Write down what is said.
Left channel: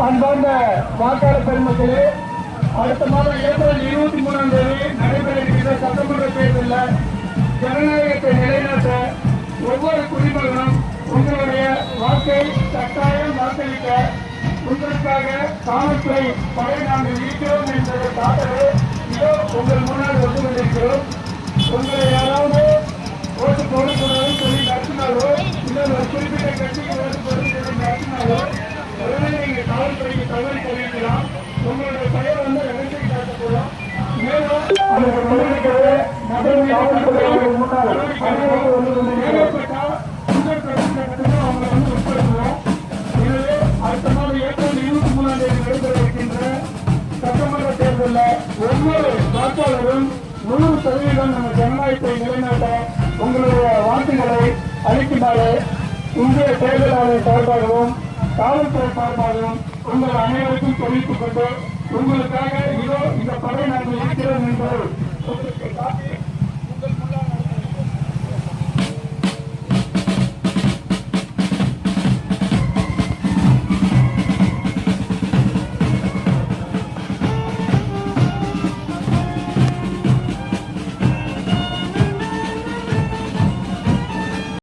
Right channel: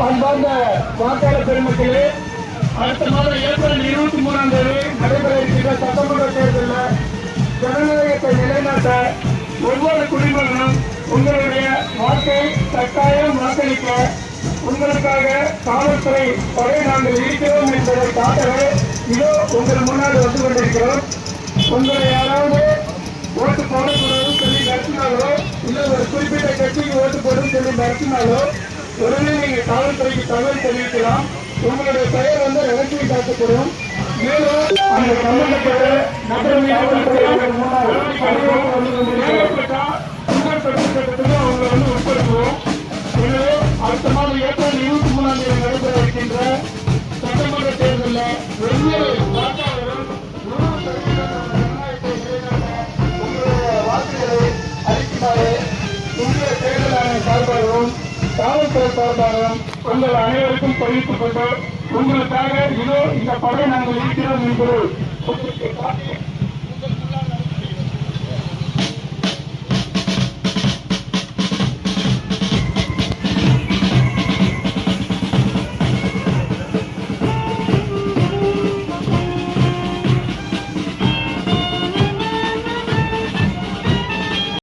அன்பார்ந்த வாக்காளர் பெருமக்களே, அடுத்த மாதம் ஏப்ரல் 23ஆம் தேதி நடைபெற இருக்கின்ற சட்டமன்ற தேர்தலில் ஜனநாயகத்தை நிலைநாட்ட ஒவ்வொரு குடிமகனும் உங்களுடைய வாக்கை கட்டாயம் வாக்களிக்க உங்களுக்காக காவல்துறை படை நாங்கள் இருக்கிறோம் என்பதை காட்டவே இதோ உங்கள் முன்னால் வந்து கொண்டிருக்கிறோம். உங்களை யாராவது ஓட்டு போடக்கூடாதுன்னு சொல்லி நடத்தினாலோ இல்லை ஒரு குறிப்பிட்ட கட்சிக்கு ஓட்டு போடணும்னு சொல்லி நடத்தினாலோ உடனே நீங்கள் காவல்துறைக்கு தகவல் தெரிவிக்கலாம். உங்களுடைய பெயர் வந்து ரகசியம் காட்டப்படும். மேலும் சட்டத்துக்கு அவங்க வந்து உட்படுத்தணும். எனவே அடுத்த மாதம் ஏப்ரல் 23ஆம் தேதி நடைபெற இருக்கின்ற சட்டமன்ற தேர்தலில் ஒவ்வொரு வாக்காளரும் 100% நம்ம ஜனநாயகத்தை நிலைநாட்ட உங்களுடைய வாக்குகளை அளிக்குமாறு இந்திய தேர்தல் ஆணைய சார்பாகவும் காவல்துறை சார்பாகவும் உங்கள் அனைவருக்கும் தெரிவித்துக் கொண்டு உங்களுக்காக இதோ இந்த படை நாங்கள் இருக்கிறோம் என்பதை உங்களுக்கு காட்டி